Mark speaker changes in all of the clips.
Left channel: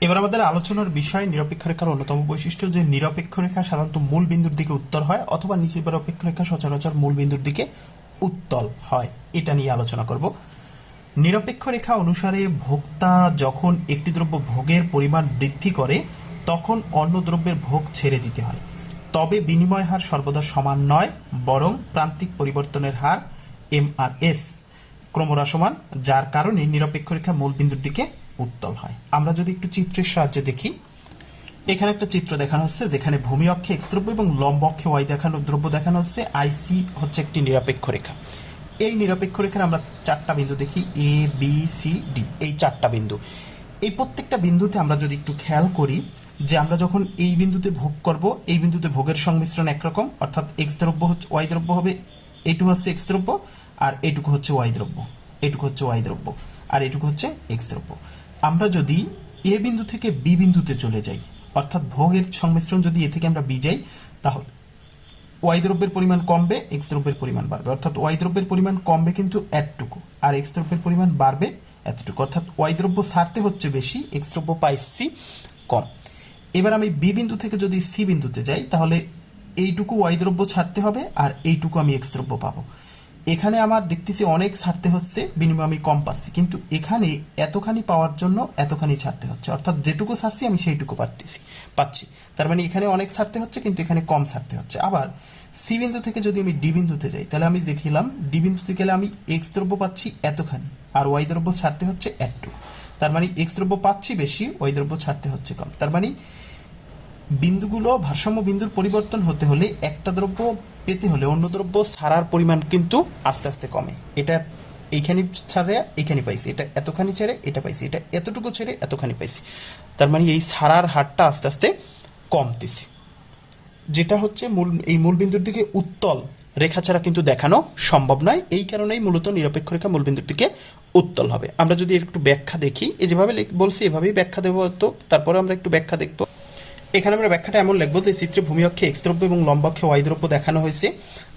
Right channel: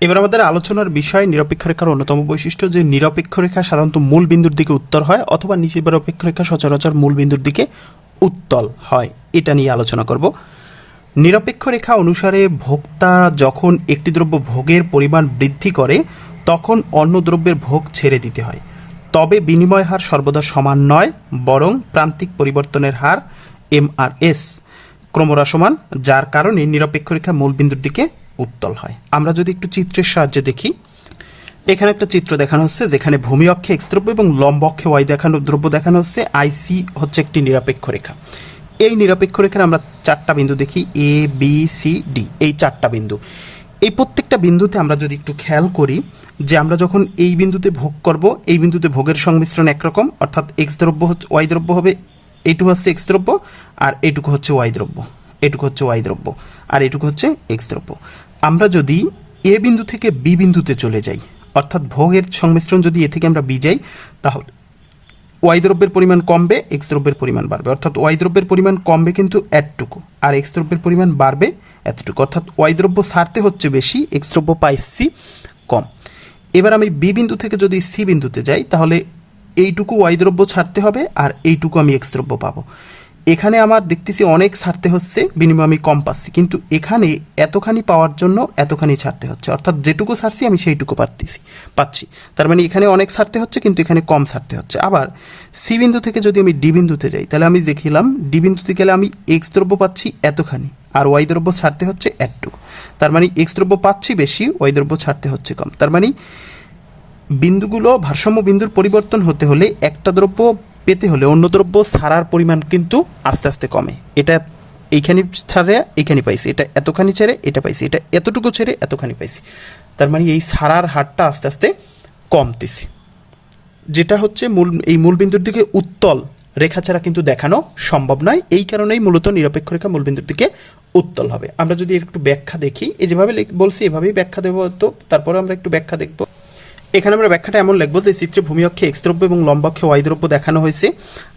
Speaker 1: এবার আমাদের আলোচনার বিষয় নিরপেক্ষ রেখার অন্যতম বৈশিষ্ট্য যে নিরপেক্ষ রেখা সাধারণত মূল বিন্দুর দিকে উত্তর হয় অথবা নিরপেক্ষ রেখা সচরাচর মূল বিন্দুর দিকে উত্তল হয়। এটা নিয়ে আলোচনা করব। নিরপেক্ষ রেখা অনুসারে ভোক্তা যখন একটি দ্রব্য ভোগের পরিমাণ বৃদ্ধি করে, তখন অন্য দ্রব্যের ভোগ ছেড়ে দিতে হয়। তবে বিনিময় হার সর্বদা সমান নয়, বরং প্রান্তিক পরিবর্তনের হার এমআরএস ক্রমহ্রাসমান যার কারণে নিরপেক্ষ রেখা মূল বিন্দুর দিকে উত্তল হয়। আমরা যদি একটু চিত্রের সাহায্যে দেখি, এখানে একটা চিত্র দেখানো হচ্ছে যেখানে ভূমি অক্ষে এক্স দ্রব্য এবং লম্ব অক্ষে ওয়াই দেখানো, দ্রব্য দেখানো হচ্ছে। আইসি হচ্ছে একটি নিরপেক্ষ রেখা। এই নিরপেক্ষ রেখার আমরা চারটা বিন্দু দেখি এ বি সি ডি এই চারটা বিন্দু। এই প্রত্যেকটা বিন্দুতে আমরা যদি একটু খেয়াল করি যে আমরা যখন এই বিন্দুতে ভোগ করব, এই বিন্দুতে ভোগের সংমিশ্রণ একরকম, অর্থাৎ এক্স দ্রব্য হচ্ছে ওয়াই দ্রব্য হবে এইটুকু হচ্ছে এক্স দ্রব্য, আর এটুকু হচ্ছে ওয়াই দ্রব্য, এটুকু হচ্ছে ওয়াই দ্রব্য, আর এটুকু হচ্ছে এক্স দ্রব্য। আমরা যদি এ বিন্দু থেকে বি বিন্দুতে চলে যাই, অর্থাৎ ভোগের সংমিশ্রণ যদি এ থেকে আমরা বি যাই, তাহলে ওয়াই দ্রব্যের পরিমাণ কমবে এক্স দ্রব্যের পরিমাণ বাড়বে। অর্থাৎ ওয়াই দ্রব্যের পরিমাণ কমবে কিন্তু এতটুকু, আর এক্স দ্রব্যের পরিমাণ বাড়বে এতটুকু। অর্থাৎ ওয়াই দ্রব্য ছাড়তে হচ্ছে বেশি এক্স দ্রব্য পাইছি কম। এবার আমি বি বিন্দু থেকে যদি সি বিন্দুতে যাই, তাহলে এইটুকু ওয়াই দ্রব্য ছাড়তে হবে, আর এইটুকু আমি এক্স দ্রব্য পাবো। এখানে আমার দেখতেছি অনেক ছাড়তে হচ্ছে, বিনিময়ে আমি কম পাচ্ছি। কিন্তু এখানে এতখানি পাওয়ার জন্য এতখানি ছাড়তে হচ্ছে। অর্থাৎ যেটুকু ছাড়ছি, আমি সেইটুকু পাচ্ছি পাচ্ছি। তার মানে এখানে অনেক ছাড়তে হচ্ছে, কিন্তু এখানে কম ছাড়তে হচ্ছে। আবার সি বিন্দু থেকে যদি আমি ডি বিন্দুতে যাই, তাহলে আমি দেখিলাম ডি বিন্দুতে গেলে আমি এক্স দ্রব্য পাচ্ছি এতখানি, আর ওয়াই দ্রব্য ছাড়তে হচ্ছে একটু তার মানে এক্স দ্রব্য পাচ্ছি বেশি ওয়াই দ্রব্য ছাড়তে হচ্ছে কম। তার মানে বিন্দুগুলো, ভারসাম্য বিন্দুর পরিবর্তন হতে হলে একটা দ্রব্য পেতে হলে অন্য দ্রব্য ছাড়ার পরিমাণ কিন্তু আস্তে আস্তে কমে। এটা এইখানে ছাড়ে, এইখানে পাইছি। এটা এতখানি ছেড়ে, এটা পাইছি। এটা এতটুকু ছেড়ে, এতখানি পাইছি। তার মানে এই ছাড়ার হারটা আস্তে আস্তে কমতেছে। যেটা হচ্ছে মূল, এই মূলবিন্দুর দিকে উত্তল রেখা ছাড়া কিন্তু দেখানো সম্ভব নয়। এই কারণেই মূলত নিরপেক্ষ রেখা মূলবিন্দুর দিকে উত্তল হবে। আমরা যদি একটু ব্যাখ্যা দেখি, এই যেভাবে বলছি, এভাবেই ব্যাখ্যা দেবো তো তারপরে আমরা একটু ব্যাখ্যা দেখব। এখানে আমরা ব্যাখ্যাটা এমন লিখব যে চিত্রে ভূমি অক্ষে এক্স দ্রব্য এবং লম্বাক্ষে ওয়াই দ্রব্য দেখানো হয়েছে।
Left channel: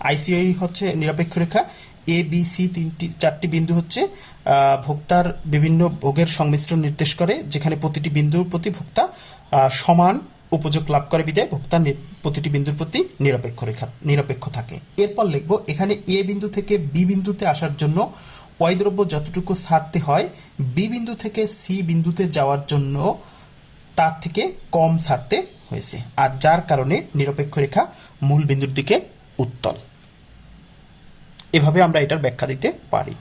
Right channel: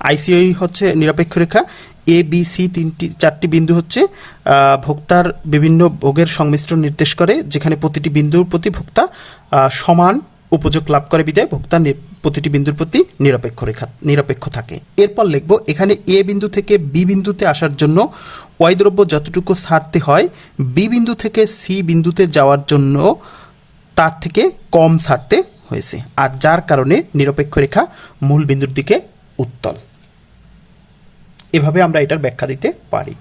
Speaker 1: আইসিআই হচ্ছে নিরপেক্ষ রেখা। এ বি সি তিনটি, চারটি বিন্দু হচ্ছে ভোক্তার বিভিন্ন ভোগের সংমিশ্রণ নির্দেশ করে, যেখানে প্রতিটি বিন্দুর প্রতি ভোক্তা সমান উপযোগ লাভ করে বিদায়। ভোক্তা প্রতিটি বিন্দুর প্রতি নিরপেক্ষ রেখা, নিরপেক্ষ থাকে। এরপর লিখব, এখানে এ বিন্দু থেকে বি বিন্দুতে আসার জন্য ওয়াই দ্রব্য যতটুকু ছাড়তে হয় বি বিন্দু থেকে সি বিন্দুতে যাওয়ার জন্য তার থেকে কম ছাড়তে হয়েছে। আর যার কারণে নিরপেক্ষ রেখা মূল বিন্দুর দিকে উত্তল। এভাবে আমরা এটার ব্যাখ্যা দিতে পারি।